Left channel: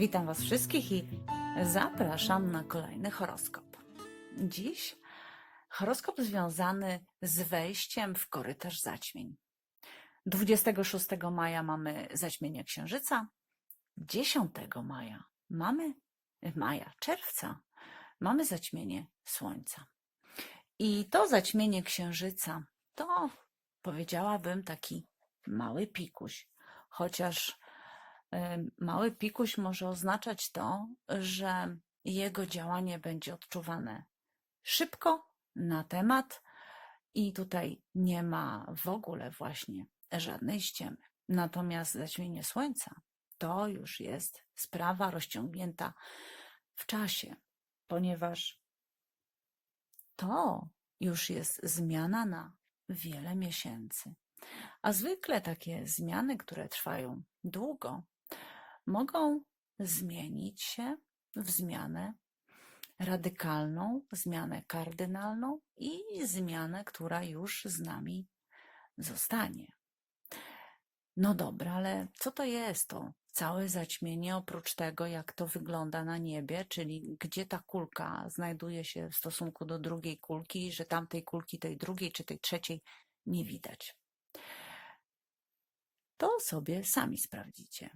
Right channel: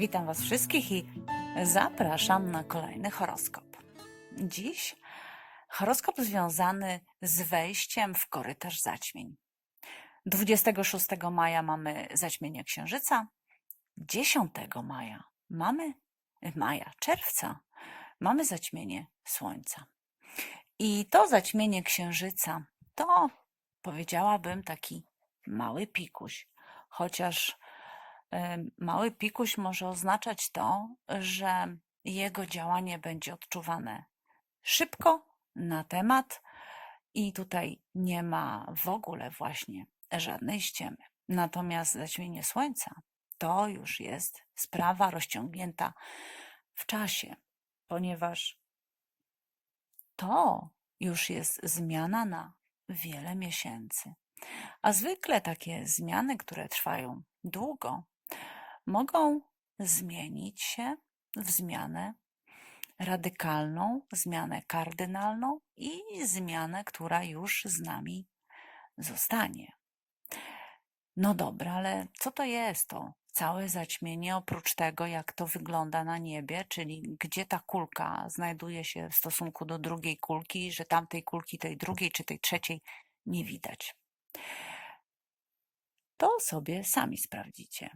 Witam Was wszystkich i zapraszam na kolejny horoskop. Dziś horoskop związany z wejściem w korytarz zaćmień. 26 maja mamy zaćmienie księżyca, 10 maja mamy maja, czerwca mamy zaćmienie słońca. I to zaćmienie księżyca to powiedziałabym taki mały pikuś, chociaż mały pikuś może oznaczać to, że jego działanie będzie odczuwane szybko, na temat i tutaj nie ma w ogóle właśnie żadnej ściemy. Natomiast zaćmienie słońca to już jest sprawa rozciągnięta w czasie, ponieważ to już jest zmiana na wiele miesięcy. A zwykle takie zmiany, które trwają długo, mogą zmienić się w zmianę radykalną, zmianę kardynalną i zmianę, która już z nami zostanie. No dobra, ale co to jest to całe zaćmienie, oprócz tego, jak to wygląda na niebie, czyli gdzie ta kulka znajduje się w stosunku do drugiej kulki, że tamtej kulki, tej drugiej czy tej trzeciej nie widać. To sobie sami sprawdzicie.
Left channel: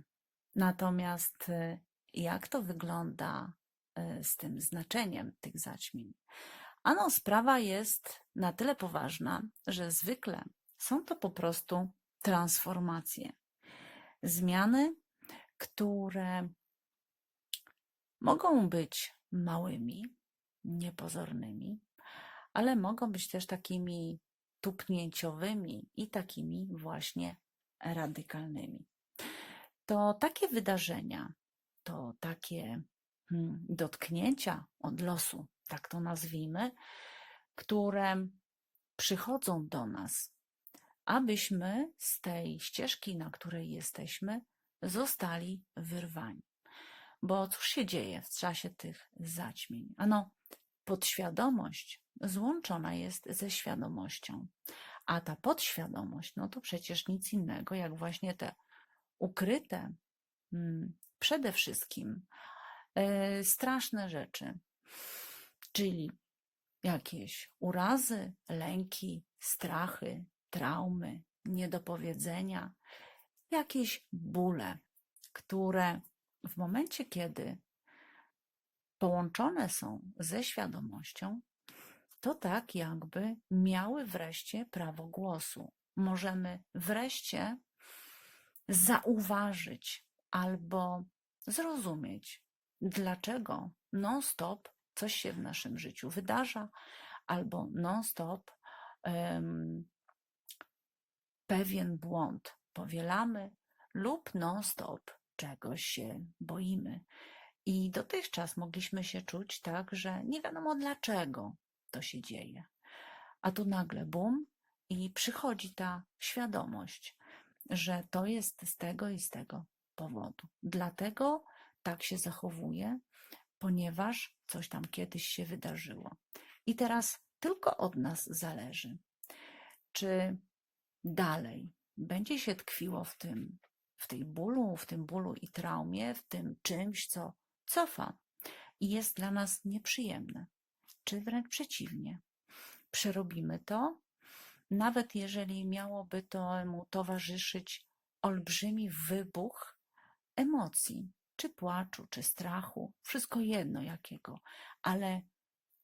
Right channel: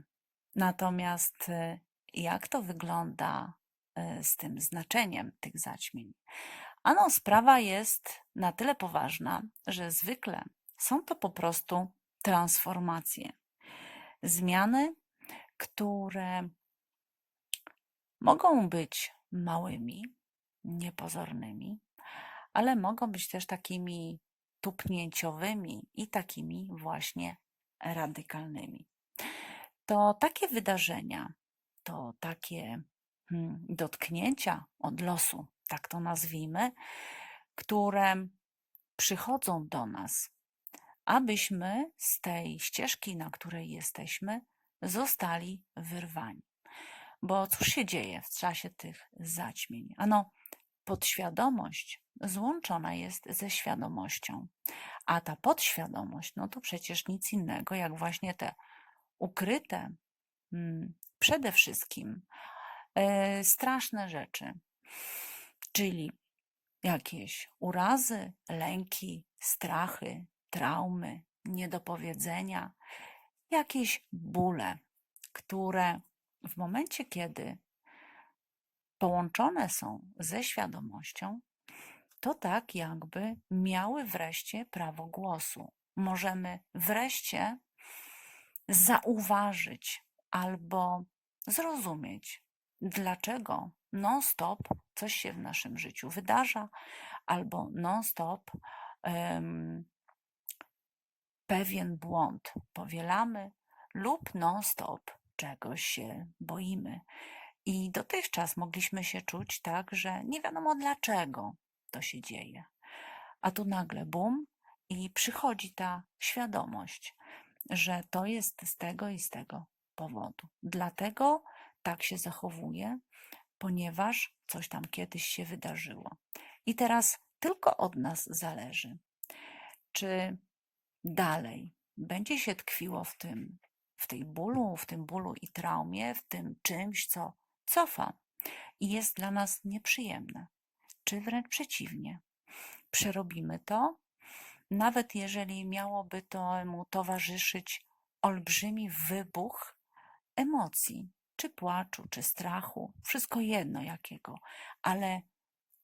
Natomiast y, jak to wygląda y, z tym znaczeniem tych zaćmień? Ano, sprawa jest na tyle poważna, że zwykle są to po prostu transformacje. Zmiany, które mogą być małymi, niepozornymi, ale mogą być też takimi tupnięciowymi i takimi właśnie radykalnymi. To takie wydarzenia, to takie hmm, dotknięcia od losu, tak to nazwijmy, które przychodzą do nas, abyśmy z tej ścieżki, na której jesteśmy, zostali wyrwani. Bo cóż się dzieje w czasie tych zaćmień? Ano, podświadomość złączona jest ze świadomością, a ta podświadomość, no to przecież nic innego, jak właśnie te ukryte, mm, przede wszystkim e, straszne rzeczy, czyli jakieś urazy, lęki, strachy, traumy, niedopowiedzenia, jakieś bóle, które w momencie, kiedy połączone są ze świadomością, to tak jakby miały wreszcie prawo głosu. Możemy wreszcie zauważyć albo zrozumieć, dlaczego non-stop coś się w naszym życiu wydarza, albo non-stop em, pewien błąd powielamy, lub non-stop czegoś się boimy. I dotychczas mogliśmy się czuć tak, że nie wiadomo dlaczego to się dzieje. A tu nagle bum i przychodzi ta świadomość, że to jest z tego i z tego powodu. Dlatego tak się zachowuje, ponieważ coś tam kiedyś się wydarzyło. I teraz tylko od nas zależy, czy dalej będzie się tkwiło w tym, w tej bólu, w tym bólu i traumie, w tym czymś, co cofa i jest dla nas nieprzyjemne, czy wręcz przeciwnie. Przerobimy to, nawet jeżeli miałoby to mu towarzyszyć olbrzymi wybuch emocji, czy płaczu, czy strachu, wszystko jedno jakiego, ale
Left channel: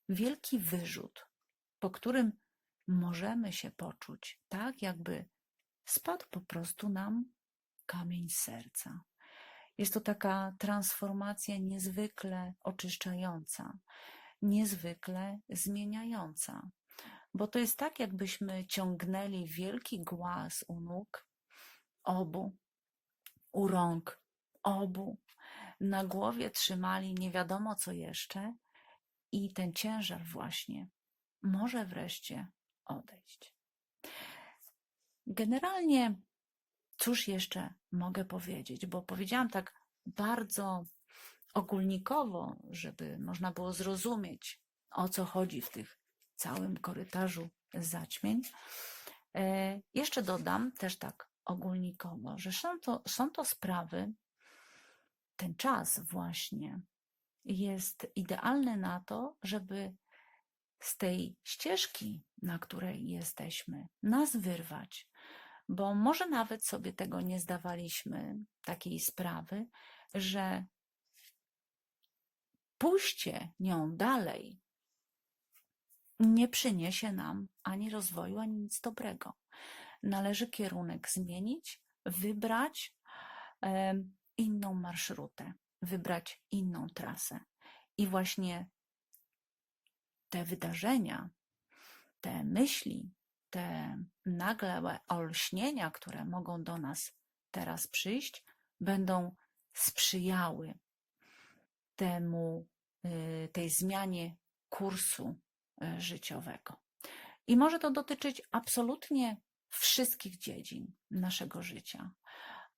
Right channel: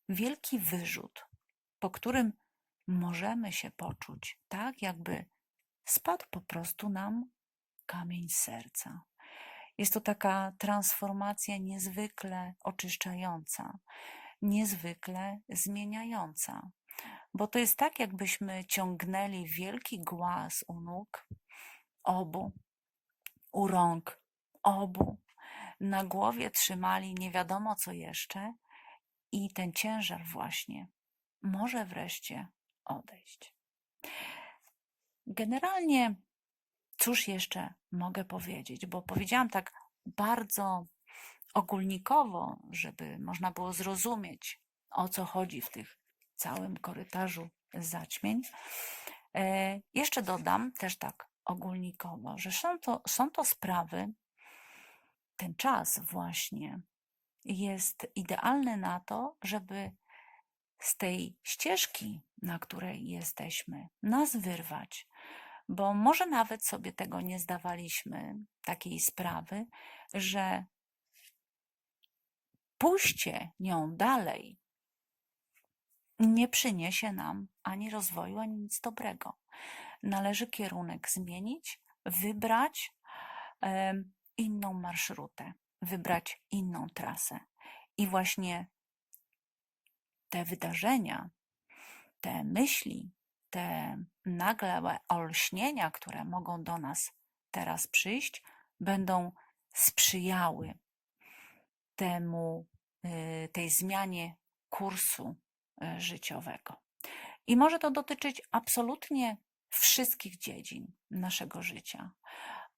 wielki wyrzut, po którym możemy się poczuć tak, jakby spadł po prostu nam kamień serca. Jest to taka transformacja niezwykle oczyszczająca, niezwykle zmieniająca, bo to jest tak, jakbyśmy ciągnęli wielki głaz u nóg obu, u rąk obu, na głowie trzymali nie wiadomo co jeszcze i ten ciężar właśnie może wreszcie odejść. Generalnie, cóż jeszcze mogę powiedzieć, bo powiedziałam tak bardzo ogólnikowo, żeby można było zrozumieć, o co chodzi w tych całym korytarzu zaćmień. E, Jeszcze dodam też tak ogólnikowo, że są to, są to sprawy, ten czas właśnie jest idealny na to, żeby z tej ścieżki, na której jesteśmy, nas wyrwać, bo może nawet sobie tego nie zdawaliśmy, takiej sprawy, że pójście nią dalej nie przyniesie nam ani rozwoju, ani nic dobrego. Należy kierunek zmienić, wybrać inną marszrutę, wybrać inną trasę. I właśnie te wydarzenia, te myśli, te nagle olśnienia, które mogą do nas teraz przyjść, będą sprzyjały temu, y, tej zmianie kursu życiowego. I może to dotyczyć absolutnie wszystkich dziedzin naszego życia.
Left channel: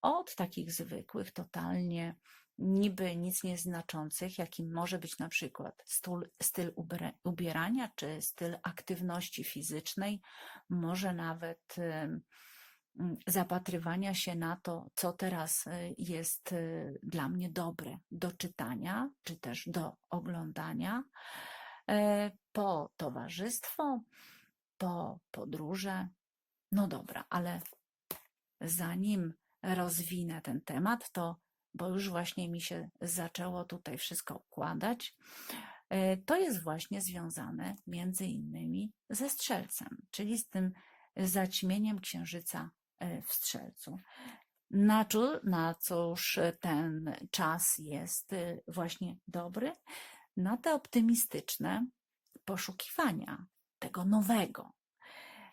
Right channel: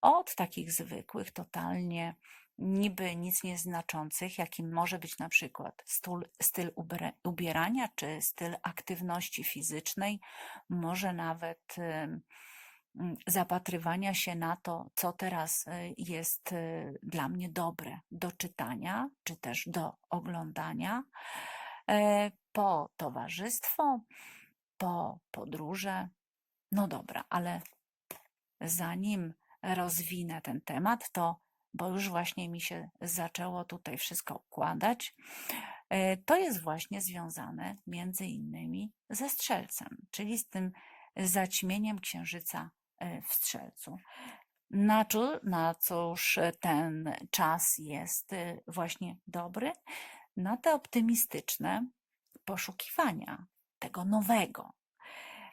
Od takich zwykłych, totalnie niby nic nieznaczących, jakim może być na przykład styl, styl ubierania czy styl aktywności fizycznej, może nawet ym, ym, zapatrywania się na to, co teraz y, jest y, dla mnie dobre do czytania, czy też do oglądania, e, po towarzystwo, po podróże. No dobra, ale zanim rozwinę ten temat, to bo już właśnie mi się zaczęło tutaj wszystko układać, e, to jest właśnie związane między innymi ze strzelcem, czyli z tym zaćmieniem księżyca e, w strzelcu. Na, co, na cóż ten czas jest e, właśnie dobry? Na te optymistyczne poszukiwania tego nowego,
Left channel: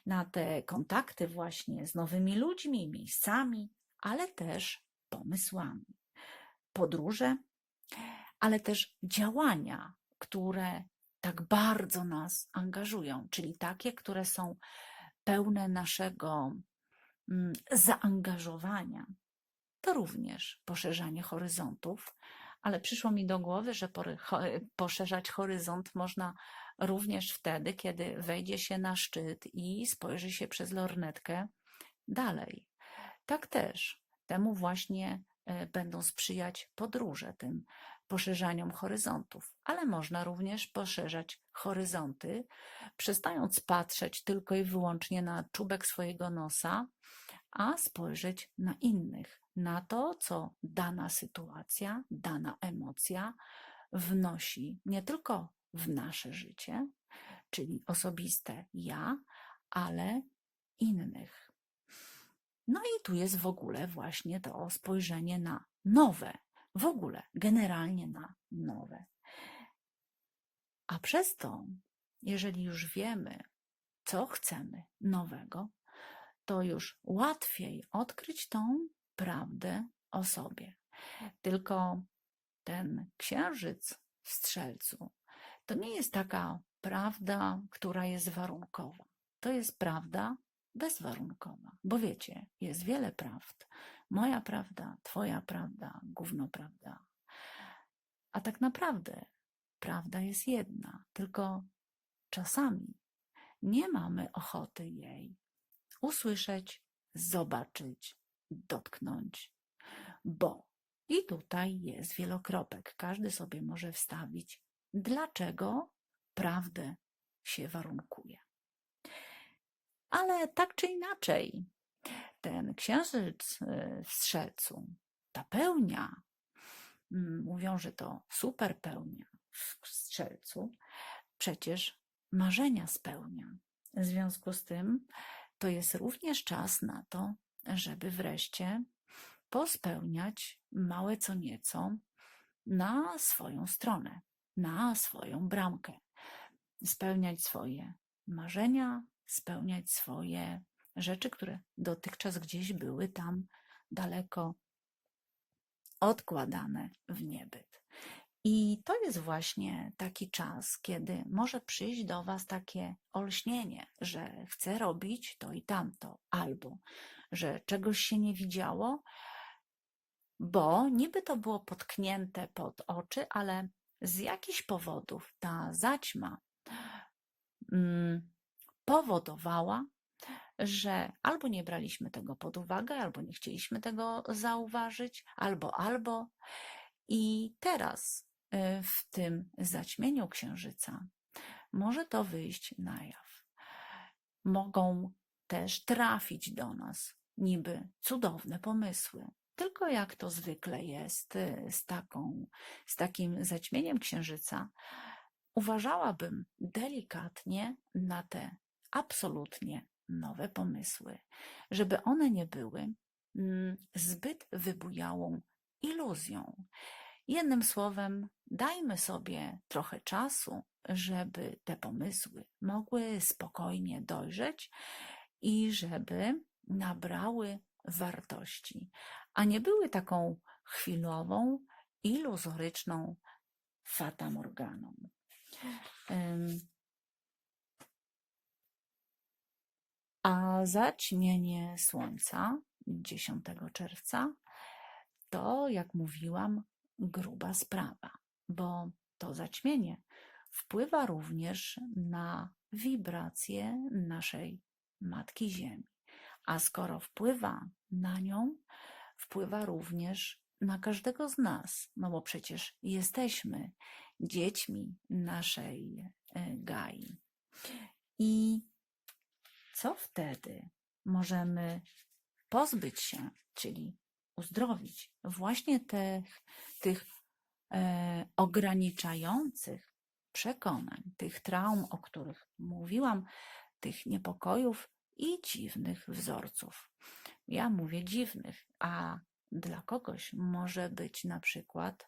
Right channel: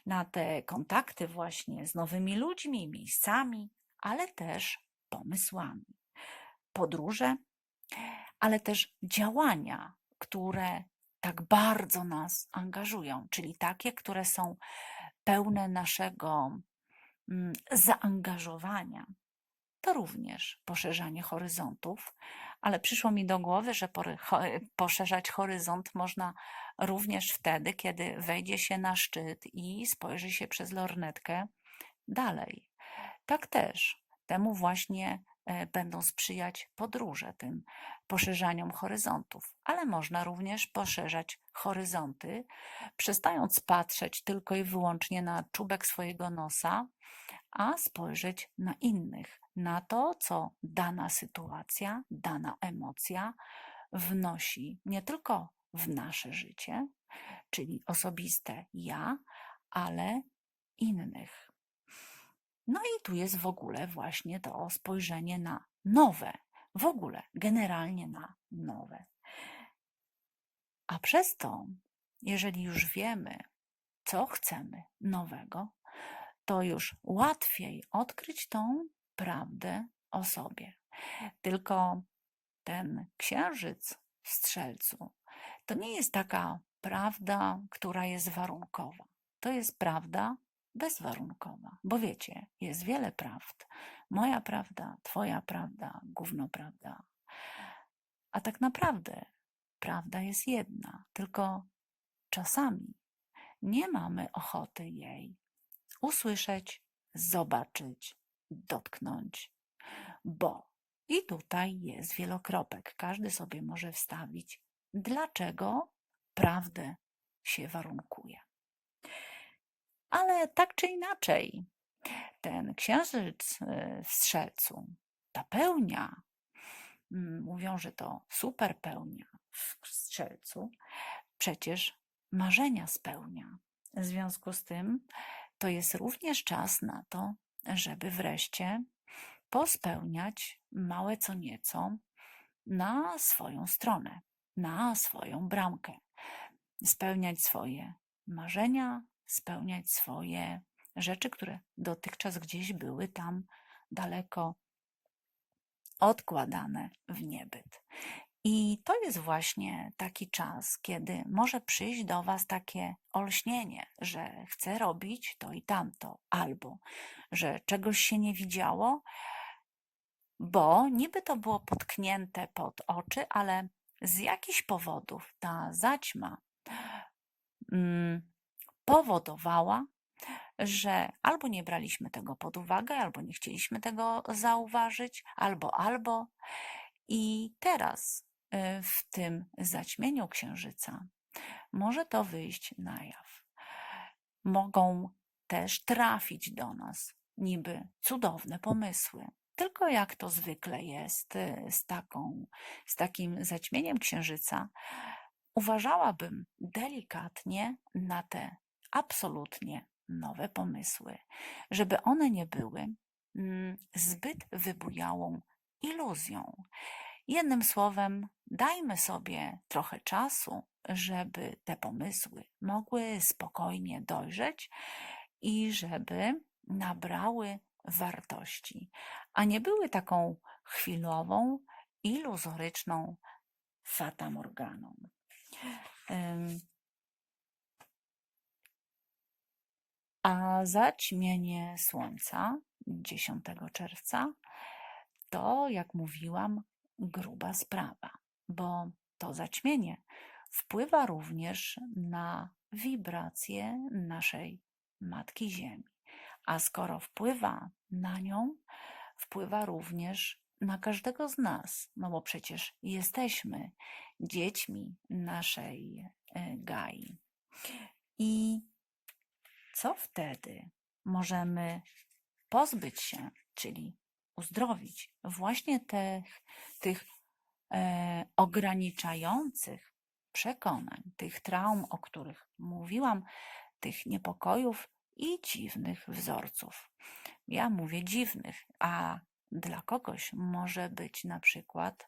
na te kontakty właśnie z nowymi ludźmi, miejscami, ale też pomysłami. Podróże, ale też działania, które tak bardzo nas angażują, czyli takie, które są pełne naszego mm, zaangażowania. To również poszerzanie horyzontów, ale przyszło mi do głowy, że poszerzać horyzont można również wtedy, kiedy wejdzie się na szczyt i spojrzy się przez lornetkę dalej. Tak też temu właśnie e, będą sprzyjać podróże, tym poszerzaniom horyzontów, ale można również poszerzać horyzonty, przestając patrzeć tylko i wyłącznie na czubek swojego nosa, a spojrzeć na innych, na to, co dana sytuacja, dana emocja wnosi nie tylko w nasze życie, czyli osobiste ja, ale innych. No i tu jest w ogóle właśnie to spojrzenie na nowe, w ogóle generalnie na nowe. A przez to, jeżeli już wiemy, co chcemy nowego, to już łatwiej odkryć tą prawdę o sobie. Tylko ten księżyc w strzelcu to nie jest taka prawda, która jest warunkowa. To jest prawda bezwarunkowa. Bo wiecie, jest wiele prawd. Moja prawda, twoja prawda, gówno prawda. A tak naprawdę prawda jest jedna, tylko czasami nie mamy ochoty jej usłyszeć, zobaczyć, dotknąć, bo i tutaj jest wielokropek. Każdy sobie może wstawić, dlaczego prawdę się warunkuje. Ale tak czy inaczej, ten księżyc y, w strzelcu, ta pełnia, mm, mówią, że to super pełnia w strzelcu, przecież marzenia spełnia. W związku z tym to jest również czas na to, żeby wreszcie pospełniać małe co nieco na swoją stronę, na swoją bramkę. Spełniać swoje marzenia, spełniać swoje rzeczy, które dotychczas gdzieś były tam daleko odkładane w niebyt. I to jest właśnie taki czas, kiedy może przyjść do Was takie olśnienie, że chcę robić to i tamto, albo że czegoś się nie widziało, bo niby to było potknięte pod oczy, ale z jakichś powodów ta zaćma mm, powodowała, że albo nie braliśmy tego pod uwagę, albo nie chcieliśmy tego zauważyć, albo, albo. I teraz y, w tym zaćmieniu księżyca może to wyjść na jaw. Mogą też trafić do nas niby cudowne pomysły. Tylko jak to zwykle jest y, z, taką, z takim zaćmieniem księżyca, uważałabym delikatnie na te absolutnie nowe pomysły, żeby one nie były mm, zbyt wybujałą iluzją. Jednym słowem, dajmy sobie trochę czasu, żeby te pomysły mogły spokojnie dojrzeć i żeby nabrały wartości, a nie były taką chwilową, iluzoryczną fatamorganą. A zaćmienie słońca 10 czerwca to, jak mówiłam, gruba sprawa, bo to zaćmienie wpływa również na wibracje naszej Matki Ziemi. A skoro wpływa na nią, wpływa również na każdego z nas, no bo przecież jesteśmy dziećmi naszej e, Gai. I co wtedy możemy pozbyć się, czyli uzdrowić właśnie tych, tych e, ograniczających przekonań, tych traum, o których mówiłam, tych niepokojów i dziwnych wzorców. Ja mówię dziwnych, a dla kogoś może być na przykład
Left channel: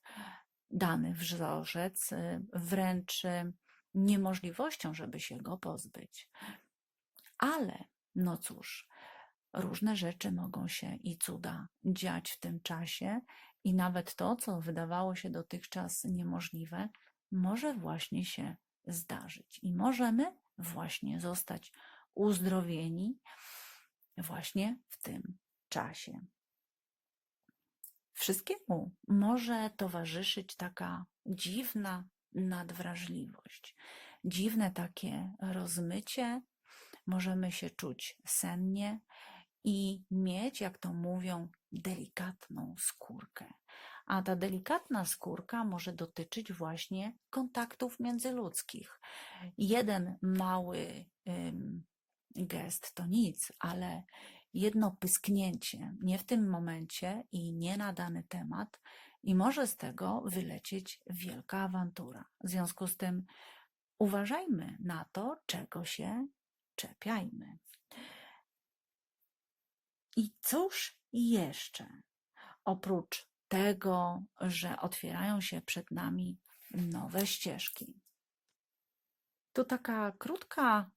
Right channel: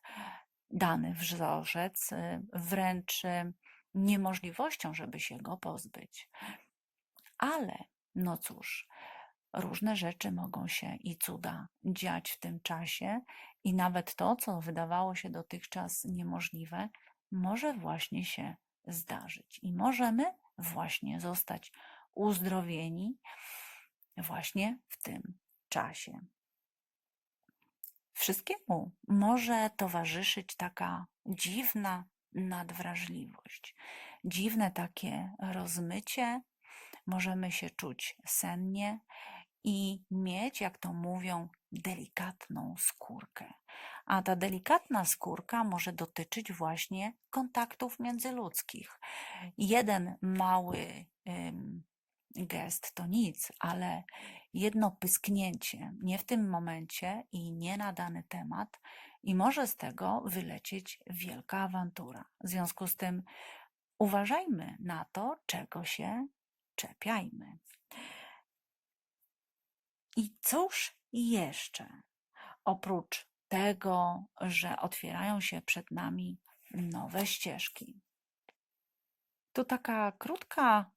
dany wzorzec y, wręcz y, niemożliwością, żeby się go pozbyć. Ale, no cóż, różne rzeczy mogą się i cuda dziać w tym czasie, i nawet to, co wydawało się dotychczas niemożliwe, może właśnie się zdarzyć. I możemy właśnie zostać uzdrowieni właśnie w tym czasie. Wszystkiemu może towarzyszyć taka dziwna nadwrażliwość, dziwne takie rozmycie. Możemy się czuć sennie i mieć, jak to mówią, delikatną skórkę. A ta delikatna skórka może dotyczyć właśnie kontaktów międzyludzkich. Jeden mały gest to nic, ale jedno pysknięcie, nie w tym momencie i nie na dany temat, i może z tego wylecieć wielka awantura. W związku z tym uważajmy na to, czego się czepiajmy. I cóż jeszcze? Oprócz tego, że otwierają się przed nami nowe ścieżki. Tu taka krótka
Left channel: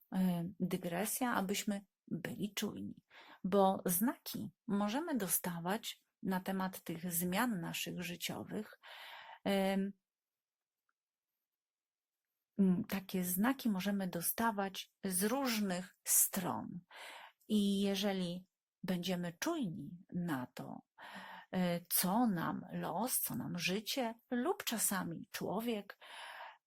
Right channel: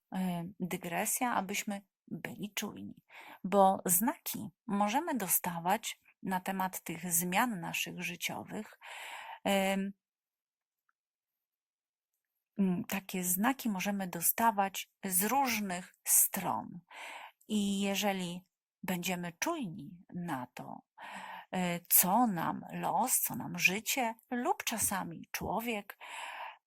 dygresja, abyśmy byli czujni, bo znaki możemy dostawać na temat tych zmian naszych życiowych. Takie znaki możemy dostawać z różnych stron. I jeżeli będziemy czujni na to, e, co nam los, co nam życie lub czasami człowiek,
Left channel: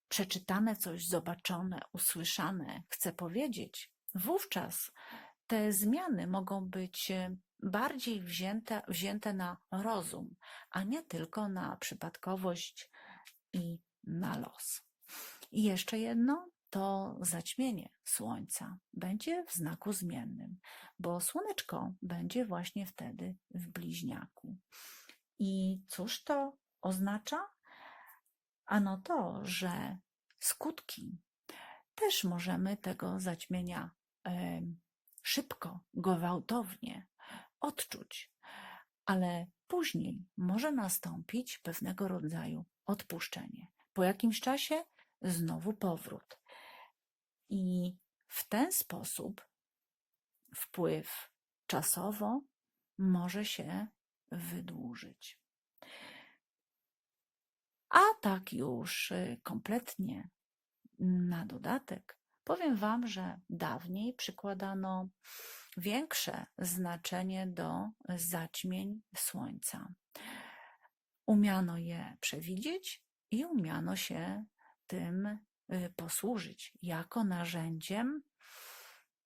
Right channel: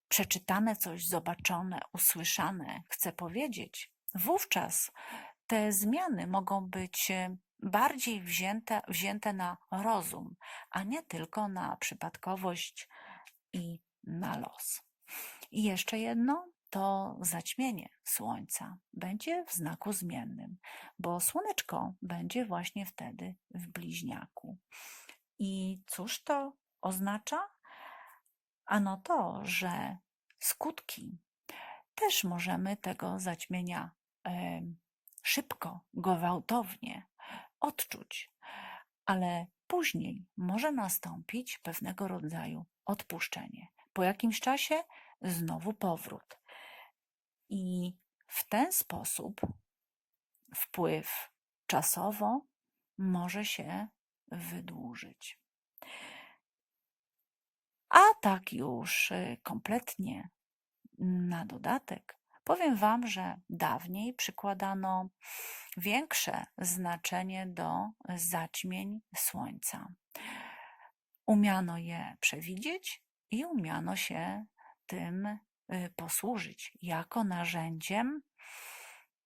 przeczytane coś, zobaczone, usłyszane chce powiedzieć, wówczas te zmiany mogą być e, bardziej wzięte, wzięte na rozum, a nie tylko na przypadkowość i na los. I jeszcze jedno, to zaćmienie słońca będzie w znaku zmiennym, bo słoneczko będzie właśnie wtedy w bliźniaku. I cóż to oznacza? Ano to, że skutki też możemy tego zaćmienia szybko, gwałtownie odczuć, ale później może nastąpić pewnego rodzaju odpuszczenie. Po jakimś czasie znowu powrót. I w ten sposób wpływ czasowo może się wydłużyć. A tak już y, kompletnie na dodatek powiem Wam, że dawniej przykładano większe znaczenie do zaćmień słońca. Umiano je przewidzieć i umiano się tym Y, posłużyć jako narzędziem,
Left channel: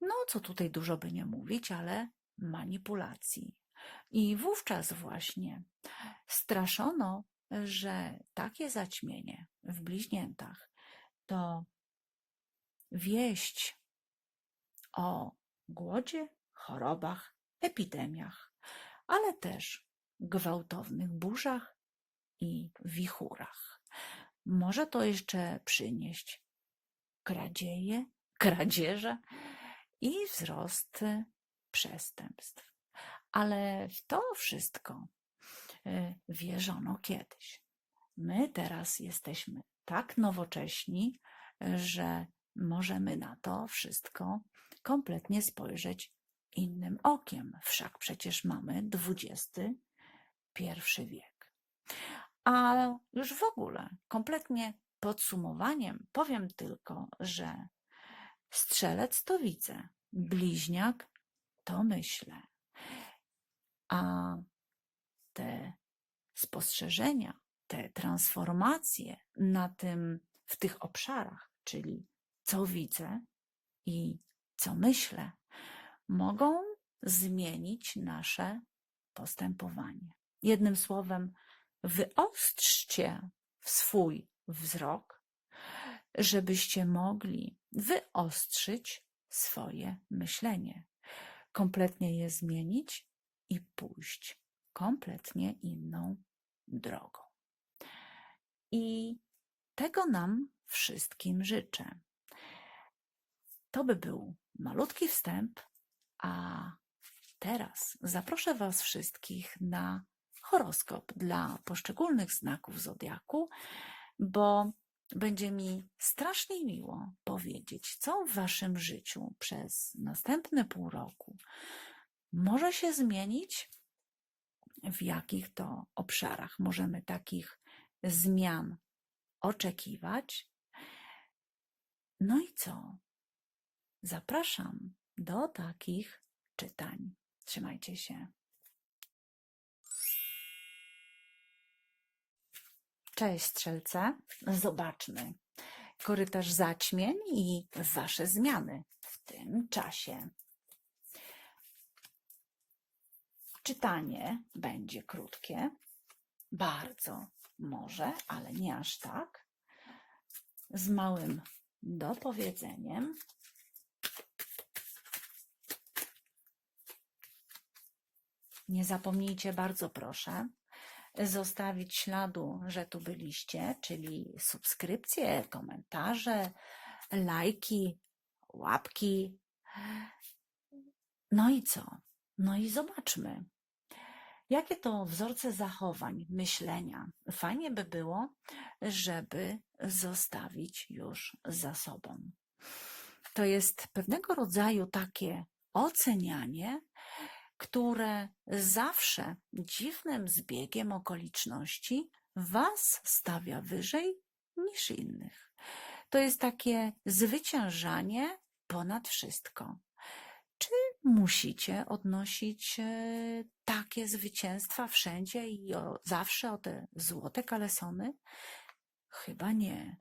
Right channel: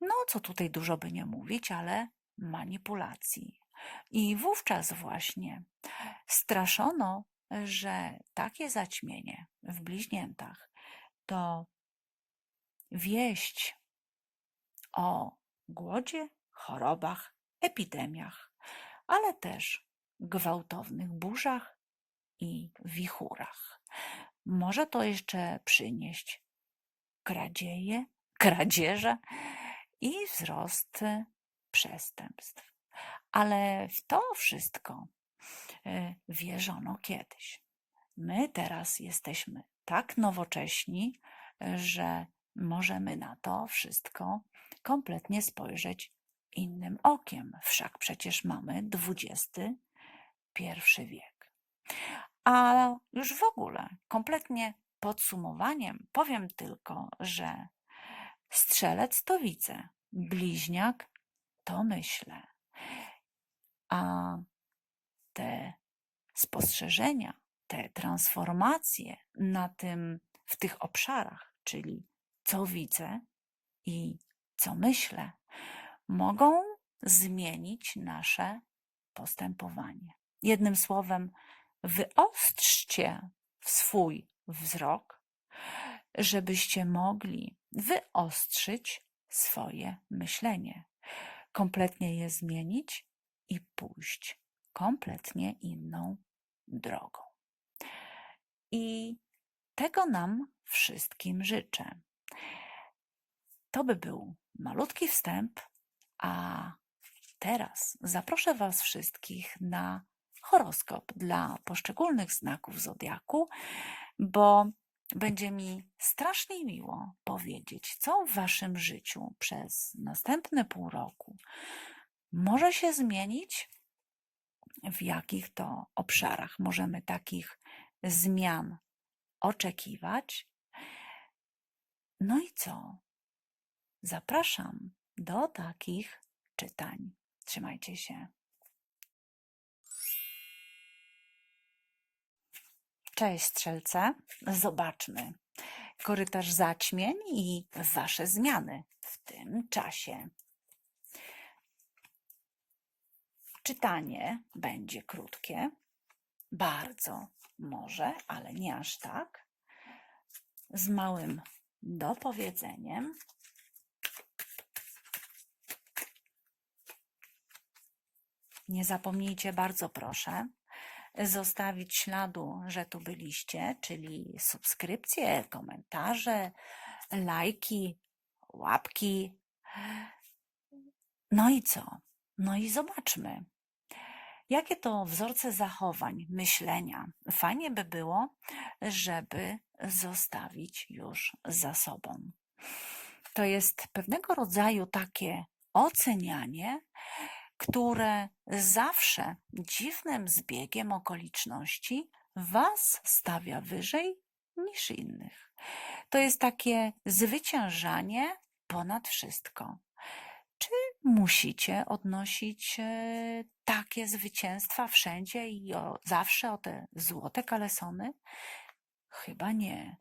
no co tutaj dużo by nie mówić, ale manipulacji. I wówczas właśnie straszono że takie zaćmienie w bliźniętach to wieść o głodzie, chorobach, epidemiach, ale też gwałtownych burzach i wichurach. Może to jeszcze przynieść kradzieje, kradzieże i wzrost przestępstw. Ale w to wszystko wierzono kiedyś. My teraz jesteśmy tak nowocześni, że możemy na to wszystko kompletnie spojrzeć innym okiem. Wszak przecież mamy XXI wiek. A już w ogóle, kompletnie podsumowaniem, powiem tylko, że strzelec to widzę, bliźniak to myślę. A te spostrzeżenia, te transformacje na tym, w tych obszarach, czyli co widzę i co myślę, mogą zmienić nasze postępowanie. Jednym słowem, wyostrzcie swój wzrok, żebyście mogli wyostrzyć swoje myślenie, kompletnie je zmienić i pójść kompletnie inną drogą. I tego nam wszystkim życzę. To by był malutki wstęp, a teraz zaproszę Was wszystkich na horoskop dla poszczególnych znaków zodiaku, bo będzie mi strasznie miło powiedzieć, co w Waszym życiu przez następne pół roku może się zmienić, w jakich to obszarach możemy takich zmian oczekiwać. No i co? Zapraszam do takich czytań. Trzymajcie się. Cześć strzelce. Zobaczmy korytarz zaćmień i wasze zmiany w tym czasie. Czytanie będzie krótkie, bardzo może, ale nie aż tak, z małym dopowiedzeniem. Nie zapomnijcie, bardzo proszę, zostawić śladu, że tu byliście, czyli subskrypcje, komentarze, lajki, łapki. No i co? No i zobaczmy. Jakie to wzorce zachowań, myślenia? Fajnie by było, żeby zostawić już za sobą. To jest pewnego rodzaju takie ocenianie, które zawsze dziwnym zbiegiem okoliczności Was stawia wyżej niż innych. To jest takie zwyciężanie ponad wszystko. Czy musicie odnosić e, takie zwycięstwa wszędzie i o, zawsze o te złote kalesony? Chyba nie,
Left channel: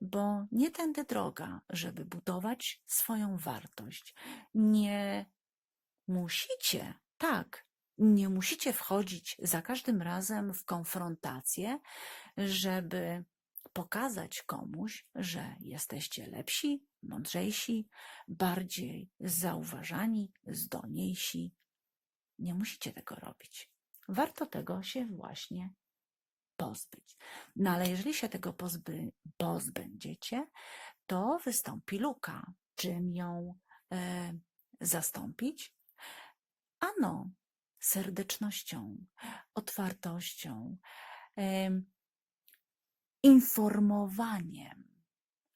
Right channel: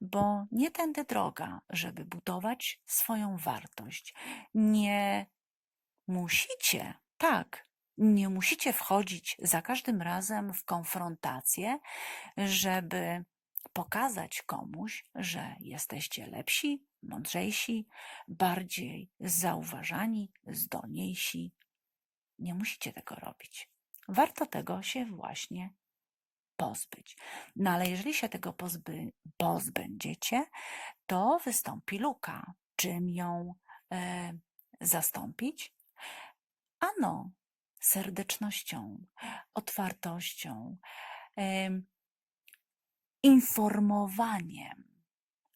bo nie tędy droga, żeby budować swoją wartość. Nie musicie, tak, nie musicie wchodzić za każdym razem w konfrontację, żeby pokazać komuś, że jesteście lepsi, mądrzejsi, bardziej zauważani, zdolniejsi. Nie musicie tego robić. Warto tego się właśnie pozbyć. No ale jeżeli się tego pozby, pozbędziecie, to wystąpi luka. Czym ją e, zastąpić? Ano, serdecznością, otwartością, informowaniem,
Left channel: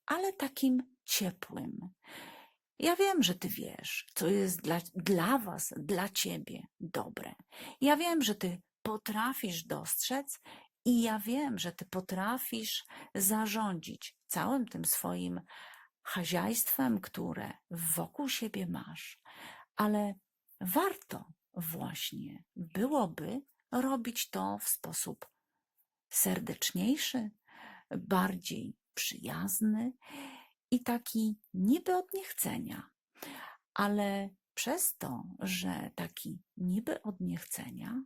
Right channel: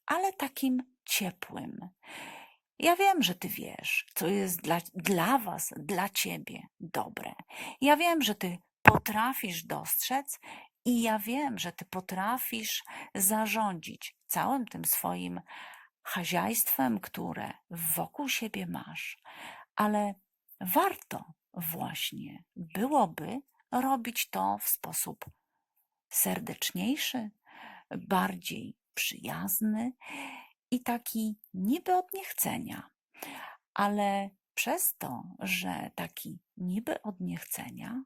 ale takim ciepłym. Ja wiem, że ty wiesz, co jest dla, dla was, dla ciebie dobre. Ja wiem, że ty potrafisz dostrzec i ja wiem, że ty potrafisz zarządzić całym tym swoim chazяйstwem, które wokół siebie masz. Ale warto właśnie byłoby robić to w sposób serdeczniejszy, bardziej przyjazny i taki niby od niechcenia, ale przez to, że taki niby od niechcenia,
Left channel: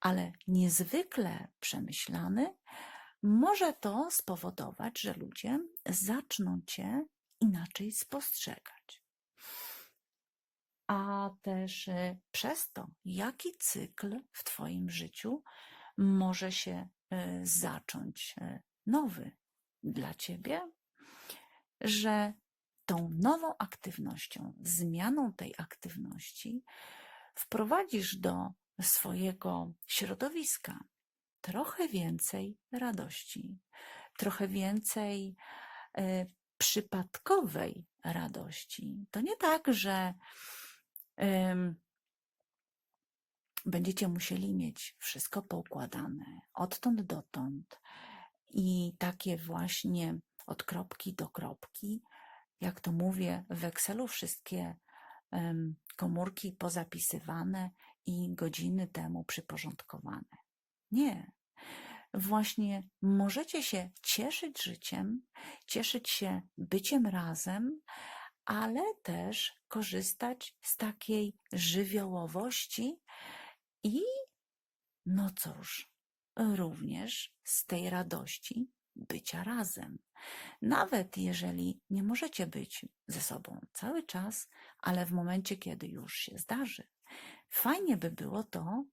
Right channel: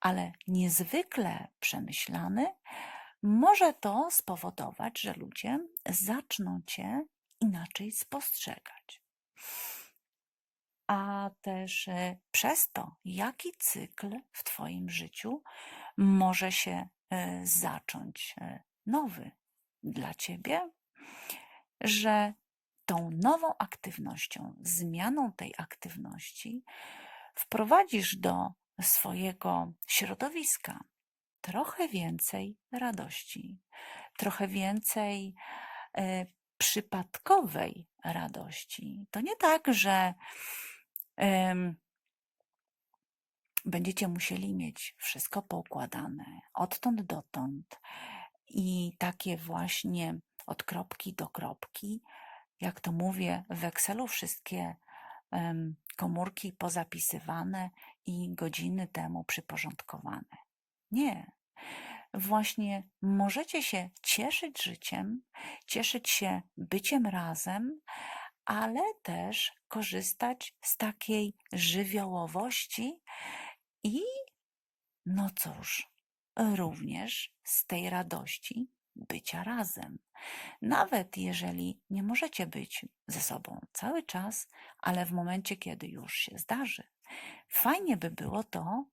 ale niezwykle przemyślany, może to spowodować, że ludzie zaczną cię inaczej spostrzegać. A też y, przez to, jaki cykl w Twoim życiu może się y, zacząć y, nowy dla Ciebie, że tą nową aktywnością, zmianą tej aktywności wprowadzisz do swojego środowiska trochę więcej radości, trochę więcej e, przypadkowej radości. To nie tak, że będziecie musieli mieć wszystko poukładane odtąd dotąd i takie właśnie od kropki do kropki, jak to mówię, w Excelu wszystkie komórki pozapisywane i godziny temu przyporządkowane. Nie. Właśnie możecie się cieszyć życiem, cieszyć się byciem razem, ale też korzystać z takiej żywiołowości i, no cóż, również z tej radości bycia razem. Nawet jeżeli nie możecie być ze sobą cały czas, ale w momencie, kiedy już się zdarzy, fajnie by było to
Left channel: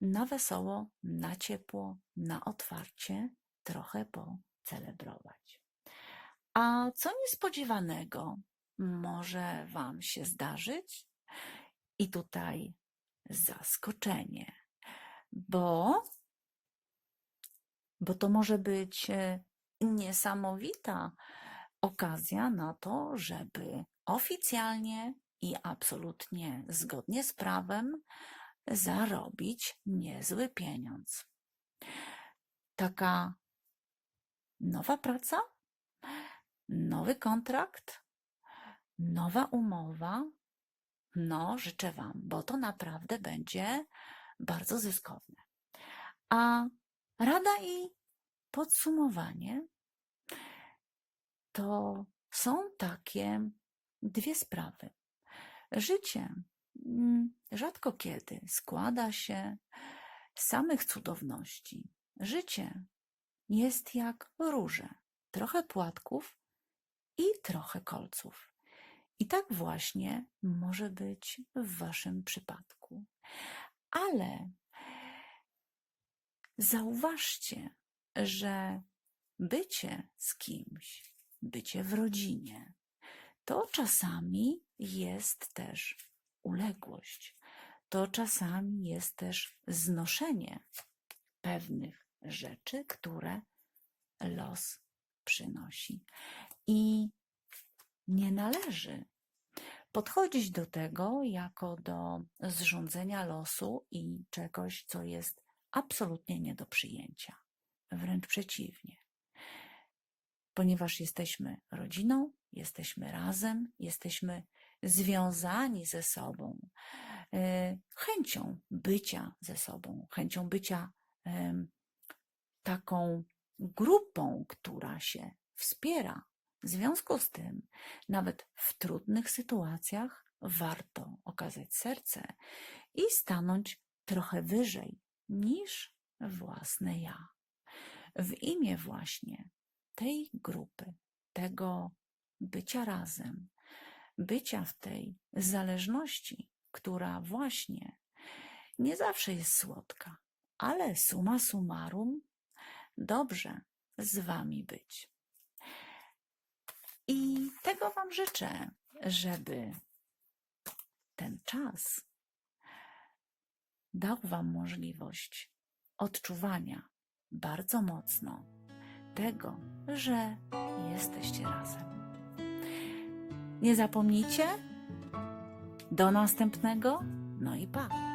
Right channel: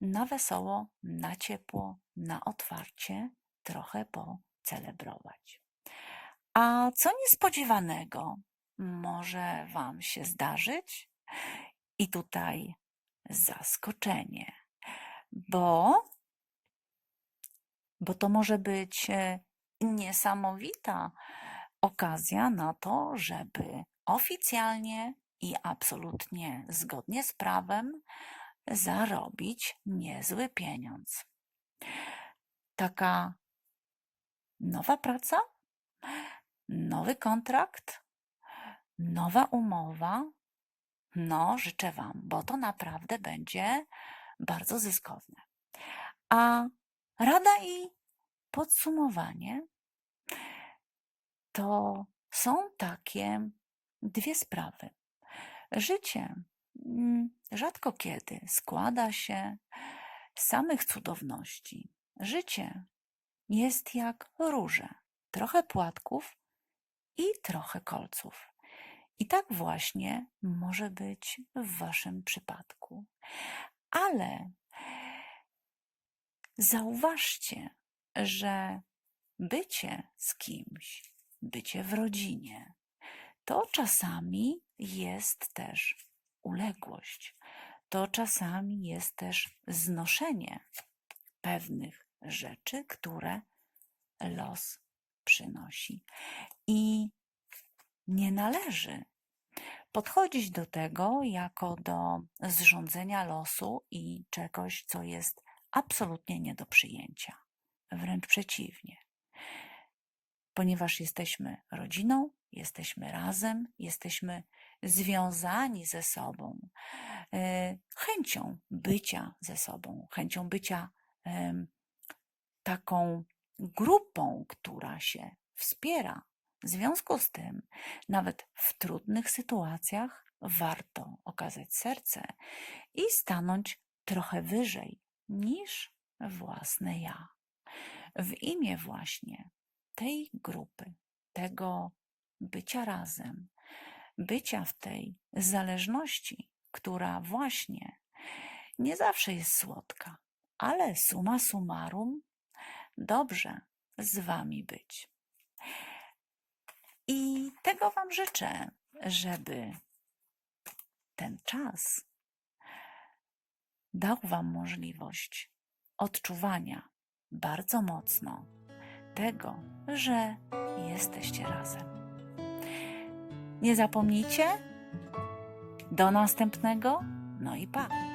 na wesoło, na ciepło, na otwarcie trochę pocelebrować. A co niespodziewanego może Wam się zdarzyć? I tutaj zaskoczenie, bo, bo to może być e, niesamowita okazja na to, żeby oficjalnie i absolutnie zgodnie z prawem zarobić niezły pieniądz. Taka nowa praca, nowy kontrakt, nowa umowa. No, życzę Wam, bo to naprawdę będzie bardzo zyskowne. A rada i podsumowanie to są takie dwie sprawy. Życie mm, rzadko kiedy składa się z samych cudowności. Życie jest jak róże, trochę płatków i trochę kolców. I tak właśnie może być w Waszym przypadku. Ale zauważcie, że bycie z kimś, bycie w rodzinie, to czasami jest też uległość. To czasami jest też znoszenie pewnych rzeczy, które los przynosi. I nie należy podchodzić do tego jako do zrządzenia losu i czegoś, co jest absolutnie nie do przyjęcia. Wręcz przeciwnie. Ponieważ jesteśmy rodziną, jesteśmy razem, jesteśmy związani ze sobą, e, chęcią bycia ze sobą, chęcią bycia taką grupą, która się wspiera. W związku z tym, nawet w trudnych sytuacjach, warto okazać serce i stanąć trochę wyżej niż własne ja. W imię właśnie tej grupy, tego bycia razem, bycia w tej zależności, która właśnie nie zawsze jest słodka, ale suma summarum dobrze z Wami być. I tego Wam życzę, żeby ten czas dał Wam możliwość odczuwania bardzo mocno tego, że jesteście razem. Nie zapomnijcie. Do następnego. No i pa.